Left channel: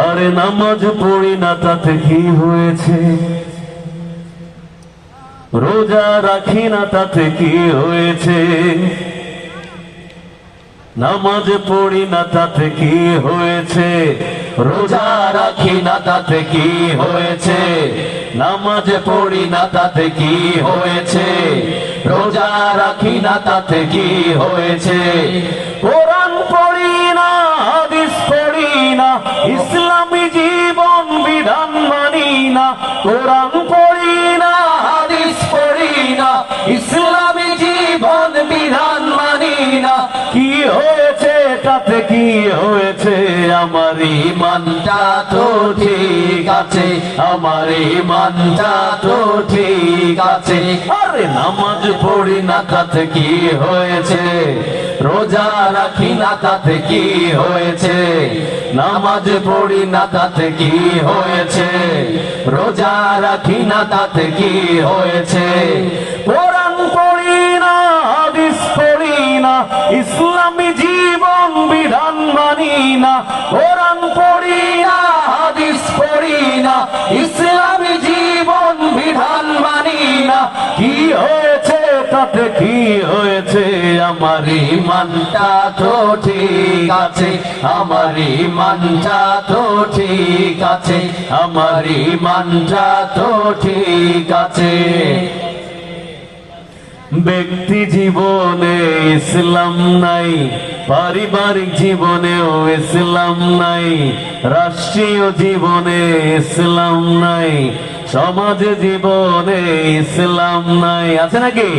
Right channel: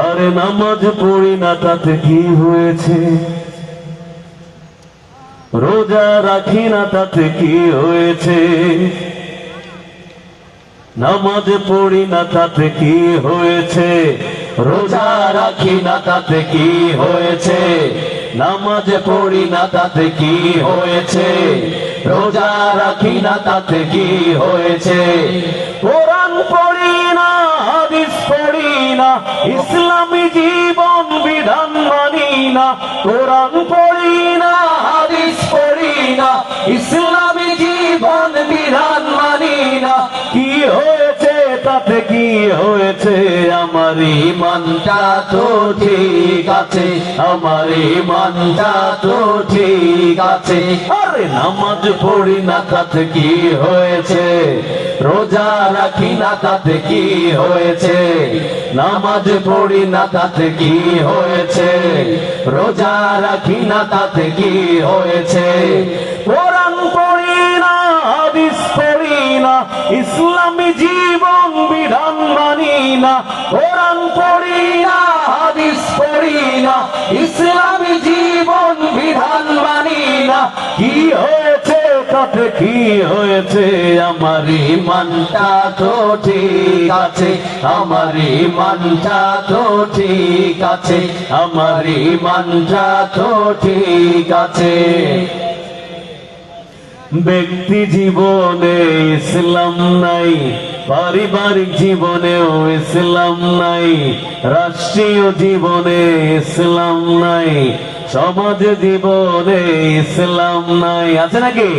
আরে নামাজ পড়ি না, তাতে কি হয়েছে? রোজা রাখি না, তাতে কি হয়েছে? নামাজ পড়ি না, তাতে কি হয়েছে? রোজা রাখি না, তাতে কি হয়েছে? নামাজ পড়ি না, তাতে কি হয়েছে? রোজা রাখি না, তাতে কি হয়েছে? কোরআন ইসলামী জীবন বিধান মানি না, কোরআন পড়ি না, হাদিস পড়ি না, ইসলামী জীবন বিধান মানি না। কি হয়েছে তাতে, কি হয়েছে আমার ইমানটা তো ঠিক আছে, আমার ইমানটা তো ঠিক আছে। আরে নামাজ পড়ি না, তাতে কি হয়েছে? রোজা রাখি না তাতে কি হয়েছে? নামাজ পড়ি না তাতে কি হয়েছে? রোজা রাখি না তাতে কি হয়েছে? কোরআন পড়ি না, হাদিস পড়ি না, ইসলামী হয়েছে আমার ইমানটা তো ঠিক আছে, আমার ইমানটা তো ঠিক আছে, আমার ইমানটা তো ঠিক আছে। ব্যক্তি জীবনে ইসলাম নাই, পারিবারিক জীবনেও ইসলাম নাই, রাষ্ট্রীয় জীবনে ইসলাম নাই, সমাজ জীবনে ইসলাম নাই, আছে নাকি?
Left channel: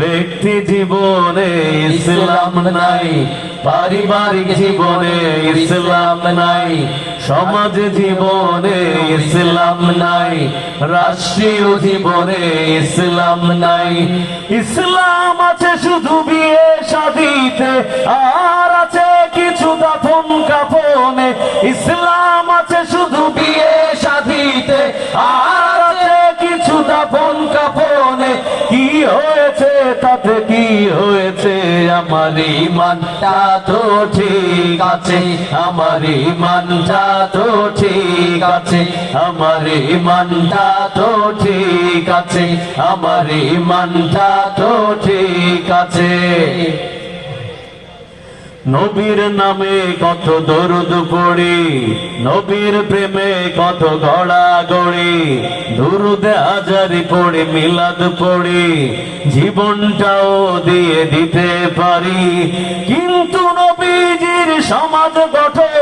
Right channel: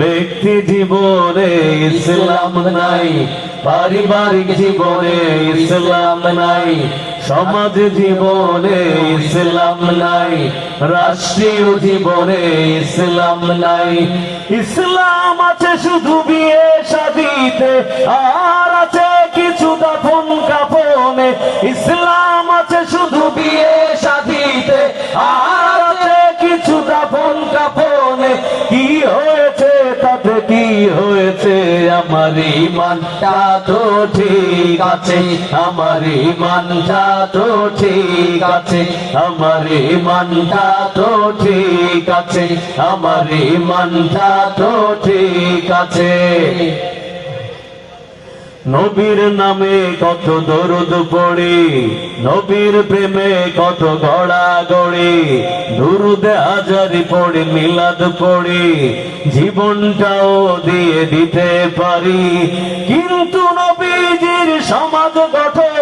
ব্যক্তি জীবনে ইসলাম নাই, পারিবারিক জীবনে ইসলাম নাই, সমাজ জীবনে ইসলাম নাই, রাষ্ট্রীয় জীবনে ইসলাম নাই। ইসলাম আছে শুধু বিয়ে শাদিতে, আর আছে কিছু দাফন কাফনে। ইসলাম কি হয়েছে? আমার ইমানটা তো ঠিক আছে। আমার ইমানটা তো ঠিক আছে। আমার ইমানটা তো ঠিক আছে। আমার ইমানটা তো ঠিক আছে। নবীর নামে কত দরুদ পড়ি, নবীর প্রেমে কত গড়া গড়ি, দুরুদে হাজারি পড়ি, মিলাদ পড়ি, জীবনটাও দিয়ে দিতে পারি। কিন্তু নবীজির সমাজ গঠনে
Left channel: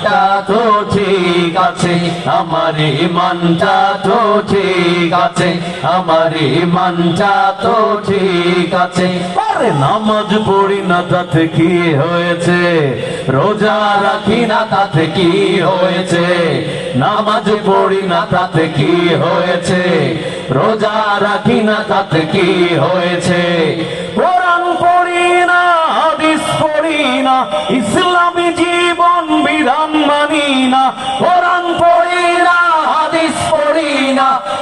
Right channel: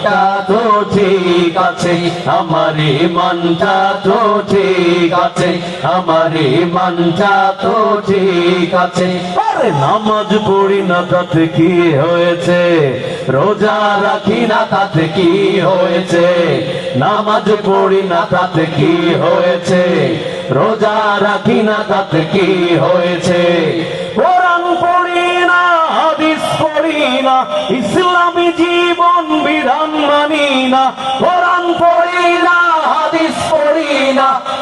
ইমানটা তো ঠিক আছে, আমার ইমানটা তো ঠিক আছে, আমার ইমানটা তো ঠিক আছে। আরে নামাজ পড়ি না, তাতে কি হয়েছে? রোজা রাখি না, তাতে কি হয়েছে? নামাজ পড়ি না, তাতে কি হয়েছে? রোজা রাখি না, তাতে কি হয়েছে? কোরআন পড়ি না, হাদিস পড়ি না, ইসলামী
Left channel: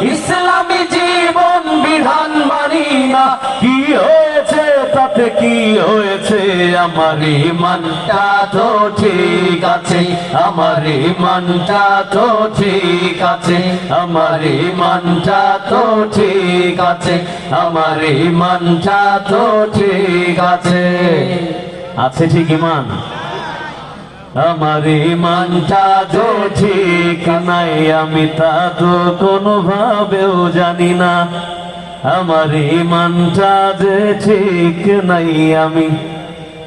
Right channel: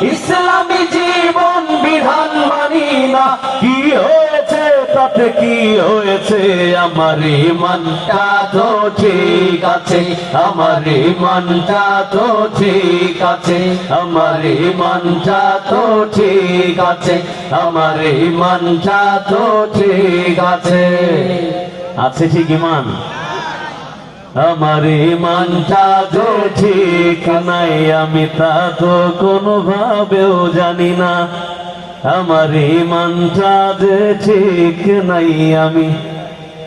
ইসলামী জীবন বিধান মানি না। কি হয়েছে তাতে কি হয়েছে? আমার ইমানটা তো ঠিক আছে। আমার ইমানটা তো ঠিক আছে। আমার ইমানটা তো ঠিক আছে। আমার ইমানটা তো ঠিক আছে। আছে ঠিক ইমান? আমার ইমানটা যে ঠিক নাই, আমি তা তো কোনো ভাবেও জানি না। আমার ইমানটা যে ঠিক নাই, আমি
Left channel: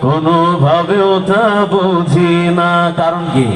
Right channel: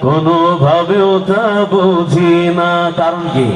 কোনো ভাবেও তা বুঝি না। কারণ কি?